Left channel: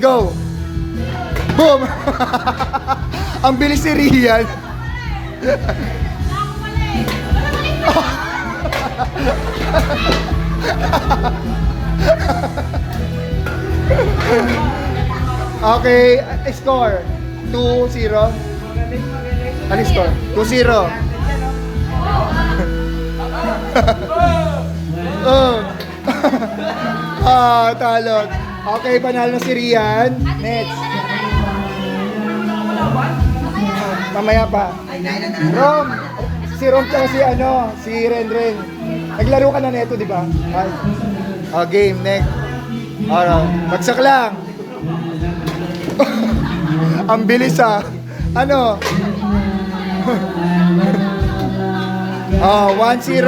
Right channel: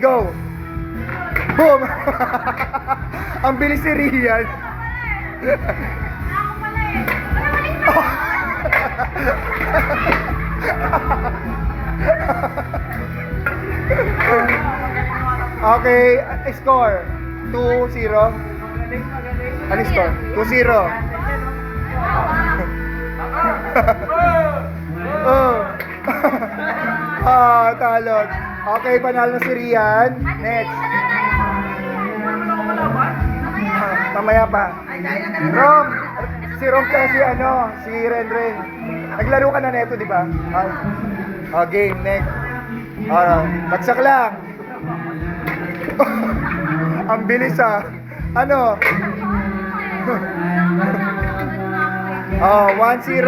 go! Boom! Ang bilis si Rian. Okay, score 2-0. Ano score? 2-0. Talo. Okay, panalo na si Rian. Next. Mamaya pa. Rom. Si Rom tsaka si Renren. Naglaro ka na neto, di ba? Game, next. Bagsak lang. Ang bilis Ano? 1-0.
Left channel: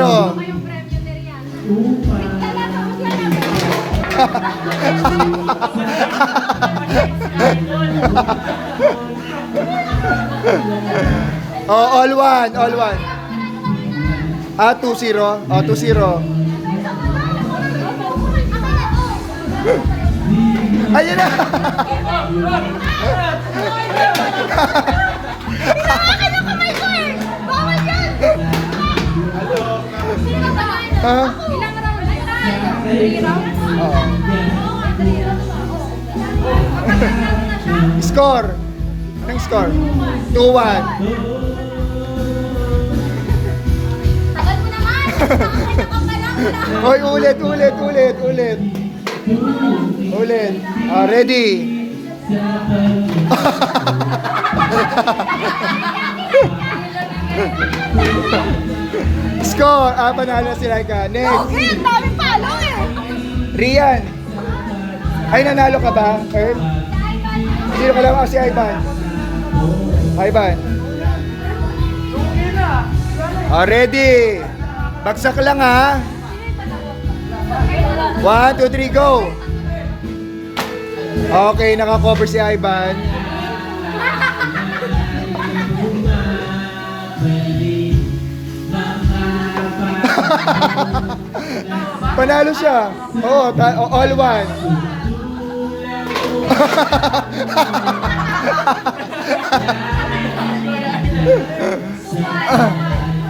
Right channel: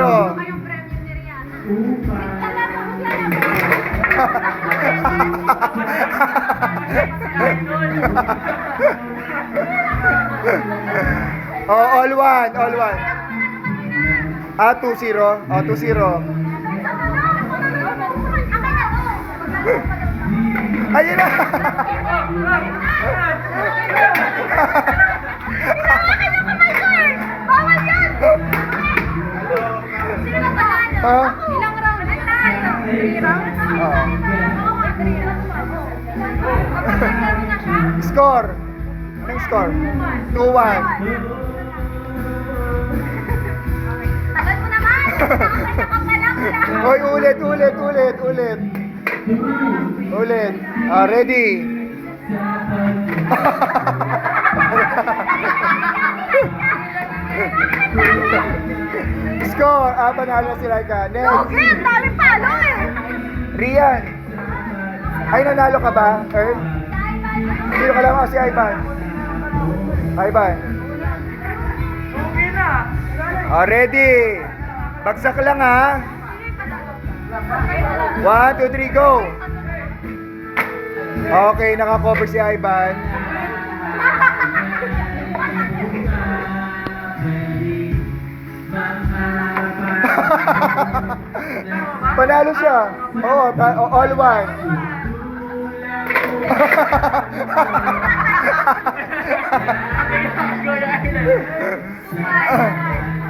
All one. 2-0. 2-0. Ayun na. Hinawakan yung kamay ko eh! Bawal yan! Ilang round? 3 rounds? Score. Anong score? 2-1. Tagal mo naman! Nakakita ka pa lang! Hoy, ulit. Ready? Score! Panalo si Laika. Next. Okay, ang dami palo eh! Rian. Ay, nanalo ka ba, Earl? Sino ka lang si Ivan? Ivan. Ready? Bagsak lang 1, 2, 3, go! Okay, naka-cover si Ivan. Panalo siya. Oo, all one.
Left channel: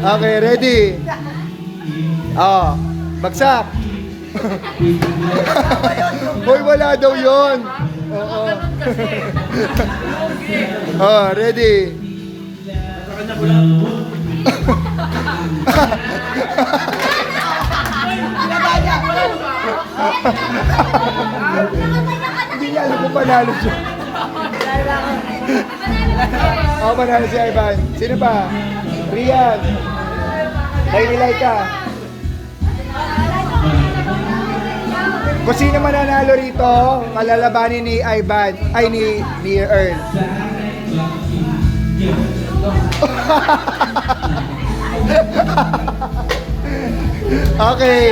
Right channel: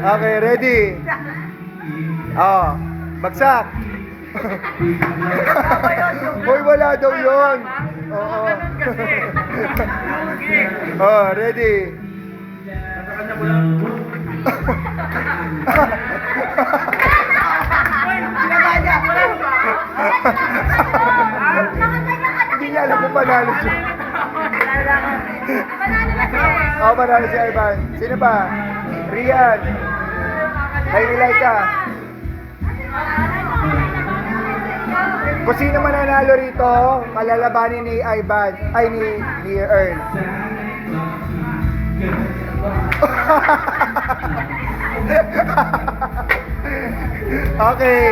Okay, ready? Bagsak. Hoy, wala daw yun. Oo. Ready? Hindi niya alam kung panalo siya. Panalo si Ivan. Sino pa? Rian. Ay, Laika. Kung sino mananalo rito, malalabanin ni Ivan, ay ni Earl. Okay.